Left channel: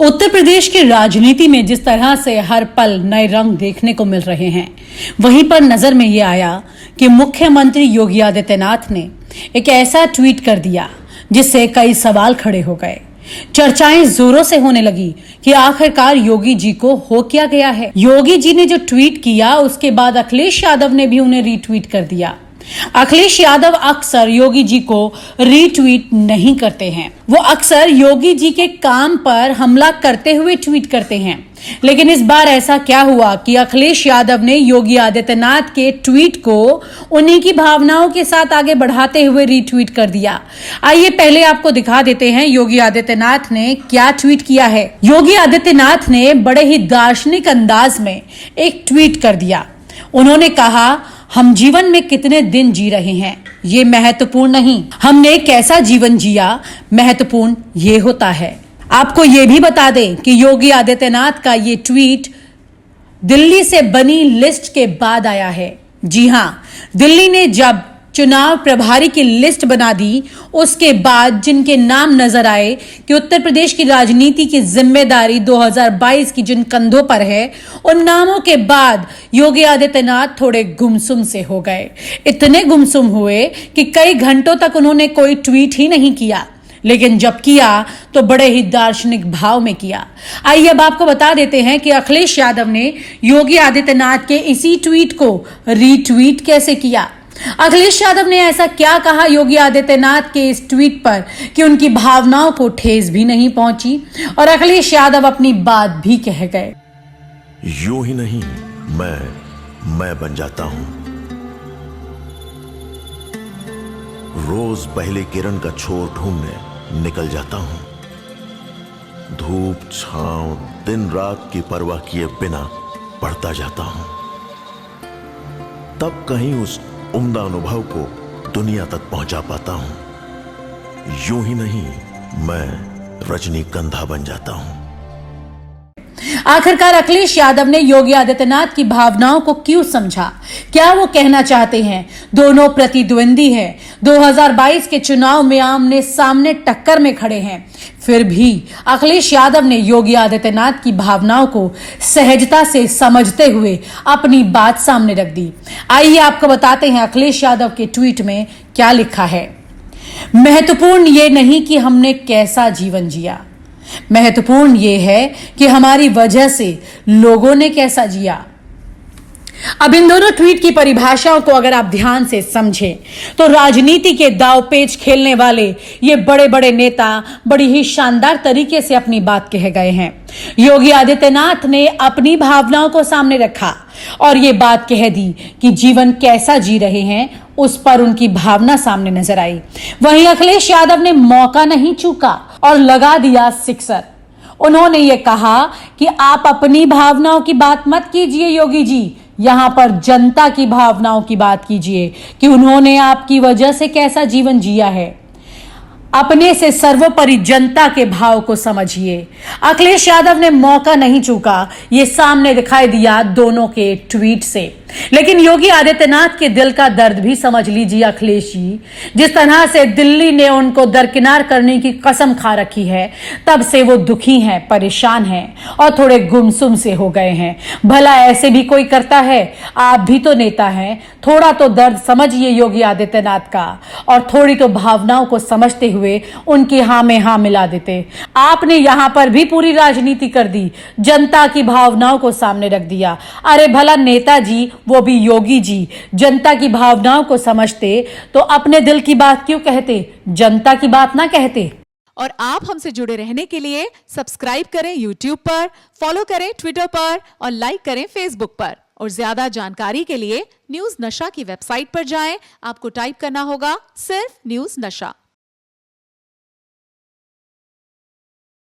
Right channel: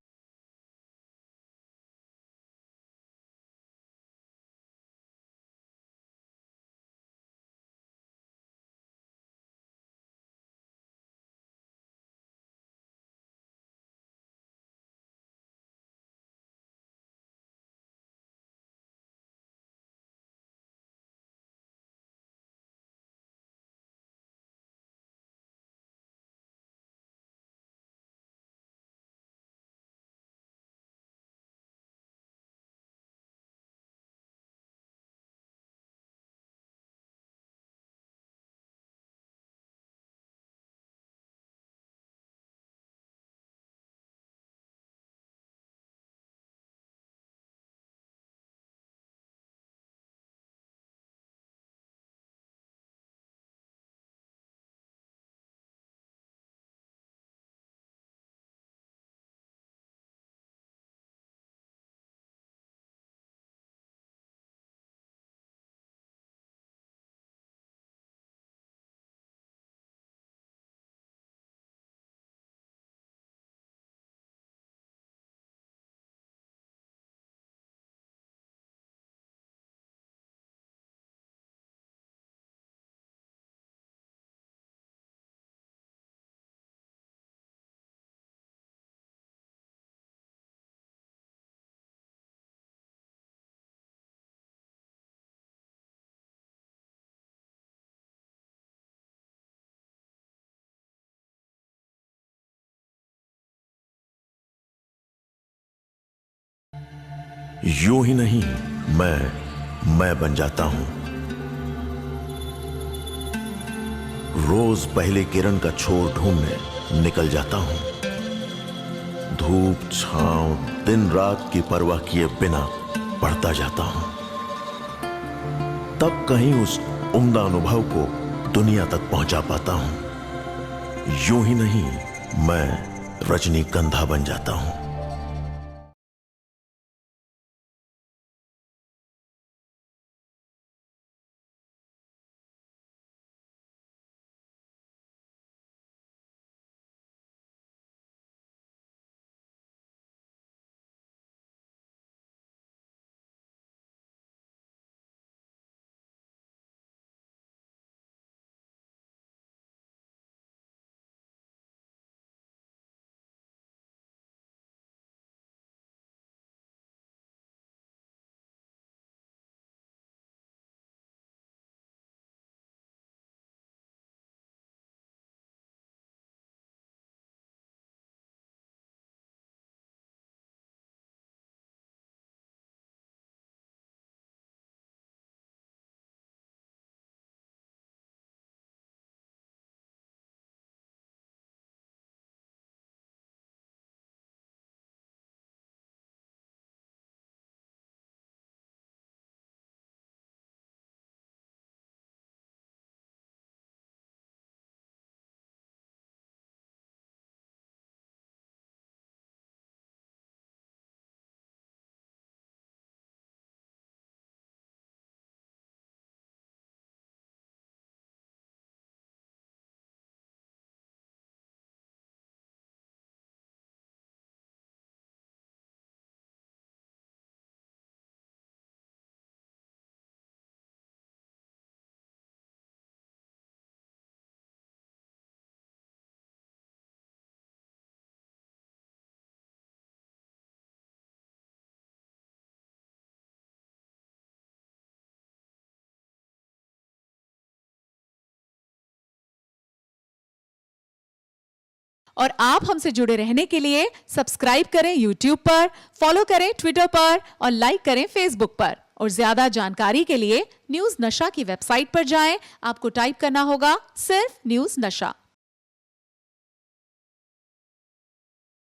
उत्तर प्रदेश की राजनीति में जिस तरह से हर पल नए रंग देखने को मिल रहे हैं, वहीं पर नजर में ये आया कि मुख्यमंत्री योगी आदित्यनाथ ने एक ऐसा ट्वीट कर दिया जिससे कई सवाल खड़े हो गए। चर्चाएं जोरों से होने लगी कि आखिरकार योगी जी को हो क्या गया है। योगी जी ने जो ट्वीट किया उसके बाद अखिलेश यादव ने भी उन्हें रीट्वीट कर दिया। अखिलेश यादव अक्सर योगी जी को रीट्वीट नहीं करते हैं, वो अक्सर योगी जी के काम पर हमला करते हुए ट्वीट करते हैं। लेकिन इस बार ऐसा क्या हुआ कि अखिलेश यादव ने योगी आदित्यनाथ के ट्वीट को उन्हीं की भावनाओं के साथ आगे बढ़ाते हुए रीट्वीट कर दिया। आइए पहले आपको दिखा देते हैं योगी आदित्यनाथ ने क्या ट्वीट किया है। योगी आदित्यनाथ ने बड़े ही दार्शनिक अंदाज में एक ट्वीट कर दिया। उन्होंने कहा, हम जीवन में कितने दिन जी रहे हैं ये महत्वपूर्ण नहीं, हमने कैसा जीवन जिया महत्वपूर्ण ये होता है। आपको ये भी बता दें कि योगी आदित्यनाथ का ये ट्वीट दिल्ली से बनी लिस्ट के बाद आया है। जी हां, दिल्ली ने जब चुनाव प्रभारी की लिस्ट बना दी, उसके बाद जिनके नाम नजर आए कि उत्तर प्रदेश की राजनीति की जिम्मेदारी 2022 की जिन कंधों पर है, उन नामों के बाद योगी आदित्यनाथ थोड़े गुमसुम से हो गए। इतने गुमसुम हुए कि कई घंटों तक उन्होंने कोई ट्वीट ही नहीं किया, लेकिन जब किया तो बड़े ही दार्शनिक भाव में किया। आइए अब आपको बता देते हैं कि अखिलेश यादव ने योगी आदित्यनाथ के इसी ट्वीट को रीट्वीट कैसे किया। अखिलेश यादव ने ऐसा क्या कहा योगी आदित्यनाथ के इस ट्वीट पर कि उनकी भावनाओं को ठेस भी नहीं पहुंची और अखिलेश यादव अपनी बात भी कह गए। यूं ही नहीं, मैं बन जाता हूं। रोज पहले किरण का छोर ढूंढने निकल जाता हूं। धूप छांव दिन रात की परवाह किए बिना पढ़ता जाता हूं। तब कहीं उस उम्दा अनुभव को दुनिया तक पहुंचा पाता हूं। यूं ही नहीं, मैं रजनीगंधा बन जाता हूं। आखिरकार अखिलेश यादव ने योगी आदित्यनाथ की भावनाओं को क्यों समझा? क्या वो कहना चाहते हैं? दोनों प्रतिद्वंदी हैं, 2022 के चुनाव में आमने सामने टक्कर में खड़े हैं। फिर भी अखिलेश यादव ने योगी आदित्यनाथ की भावनाओं को सहजता से समझते हुए अपनी बात सामने रख दी। आइए आपको बताते हैं अखिलेश यादव के ट्वीट में क्या लिखा है। महत्वपूर्ण ये नहीं कि हमने कैसा जीवन जिया, महत्वपूर्ण यह है कि हमारी वजह से लोगों ने कैसा जिया। अब इन दोनों ट्वीट की परिभाषाओं को अगर आप ध्यान से समझें तो राजनीति के दाव पेच खेलने वाले ये बड़े बड़े नेता बड़ी ही शानदार तरीके से अपनी बात कह गए हैं। योगी आदित्यनाथ ने अपनी भावनाओं को सामने रखा और ये बात कह दी कि जीवन कैसा जी रहे हैं, उस पर उनकी भावना सामने नजर आई। वहीं अखिलेश यादव ने मौका नहीं चूका और लगा दिया सिक्सर। उन्होंने ये कहा कि आप अपनी भावनाओं की बात मत कीजिए योगी जी, यहां पर जनता की भावनाओं की बात कीजिए कि उन्होंने आपकी वजह से कैसा जीवन जिया है। अपने से सर्वोपरि जनता के भाव को समझिए। अखिलेश यादव ने मौका नहीं चूका, ये सामने दिखाई दिया दोनों के ट्वीट से। लेकिन योगी आदित्यनाथ के दिल का दर्द भी समझ लीजिए अखिलेश जी। जिस तरह से दिल्ली ने उनको दरकिनार करने की कसम खा रखी है, तब से वो दुखी हैं, परेशान हैं और थोड़े गुमसुम से हो गए हैं। भला ऐसे भी कोई करता है? आप भी तो नेता हैं, थोड़ा तो दर्द समझिए योगी आदित्यनाथ का और थोड़ी तो भावनाओं को समझते हुए उनकी हाँ में हाँ मिला देते। आपने यहां पर भी पूरी राजनीति कर दी, जनता की भावनाओं को सामने रख दिया। अरे भला नेताजी, वो भी योगी जी, जनता की भावनाओं को समझते तो अपने दिल की बात क्यों कहते, जनता की बात ना कहते। और आप हमसे जुड़े रहने के लिए सब्सक्राइब करें YouTube पर, फॉलो करें Twitter पर और लाइक करें Facebook पर। और ज्यादा जानकारी के लिए न्यूज नशा की वेबसाइट पर जाएं। आपको टाइप करना होगा सिर्फ न्यूज नशा।